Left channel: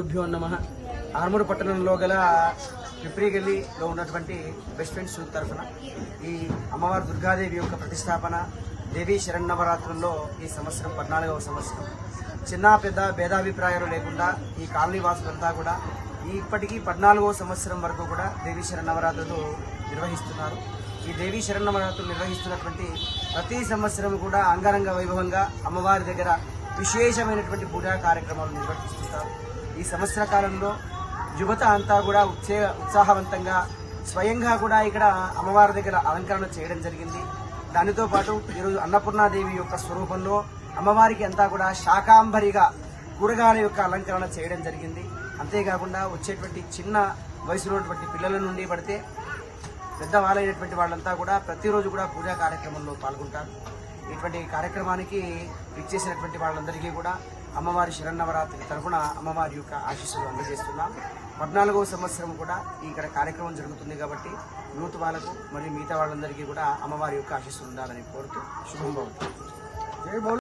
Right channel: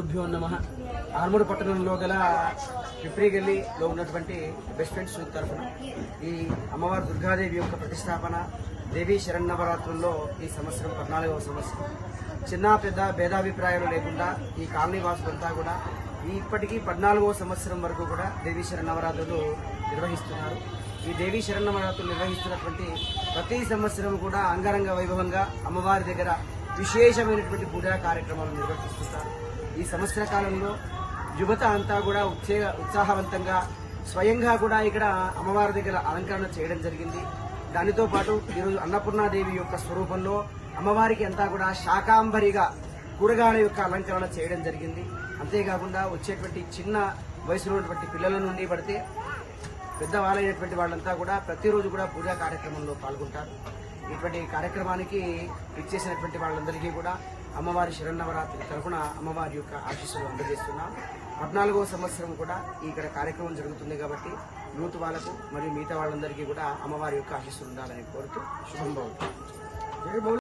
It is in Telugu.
గురుభ్యో నమ. ఆర్మూరు పట్టణంలో గల పిప్రిగల్లిలో ఉన్నటువంటి బెస్ట్ ఫ్రెండ్స్ తరఫున ఈ అమ్మవారి దుర్గాదేవి యొక్క ప్రతిష్టాపన దేవీ శరణవరాత్రుల్లో ఈ సంవత్సరం పద్నాలుగవ సంవత్సరం. చిన్న పెద్ద భేదాభిప్రాయాలు లేకుండా ఈ కాలనీ వాసులంతా కూడా ఇప్పటికీ పద్నాలుగవ సంవత్సరం వరకు కూడా దేవీ శరణవరాత్రులు నిర్వహిస్తున్నారు. ఈ దేవీ శరణవరాత్రులు నిర్వహిస్తున్నటువంటి ప్రతి సంవత్సరం కూడా అంగరంగ వైభవంగా అమ్మవారి దగ్గర విశేషమైనటువంటి పూజా కార్యక్రమాలు నిర్వర్తిస్తుంటారు ఈ సంవత్సర కాలంలో యువత అంతా కూడా ఉత్సే ఉత్సాహవంతంగా స్వయంగా కూడా ఇక్కడ అమ్మవారి దగ్గర అలంకరణ చేయడం జరిగింది. దానితో పాటు ఈరోజు అన్నపూర్ణాదేవి యొక్క స్వరూపంలో అమ్మవారికి అంతా కూడా శాకాంబరిగా కూరగాయల యొక్క అలంకరణ చేయడం జరిగింది. అంతేకాకుండా వచ్చేటువంటి చిన్న వయసులో పిల్లల నుండి పడితే పెద్దవాళ్ళైనటువంటి వాళ్ళంతా కూడా ప్రతిరోజు కూడా పూజా కార్యక్రమంలో పాల్గొంటారు. ఇటువంటి కార్యక్రమానికి ఇచ్చేసినటువంటి వాళ్ళందరికీ కూడా అమ్మవారి శరణవరాత్రి తరఫున అమ్మవారి యొక్క ఆశీస్సులు అందజేస్తున్నాం. పద్నాలుగవ సంవత్సరం కూడా ఇక్కడ కార్యక్రమం జరుగుతుంది కాబట్టి యూత్ వాళ్ళకు మరియు మిగతా వాళ్ళందరికీ కూడా అమ్మవారి యొక్క ఆశీస్సులు ఉండాలని కోరుతూ శుభం.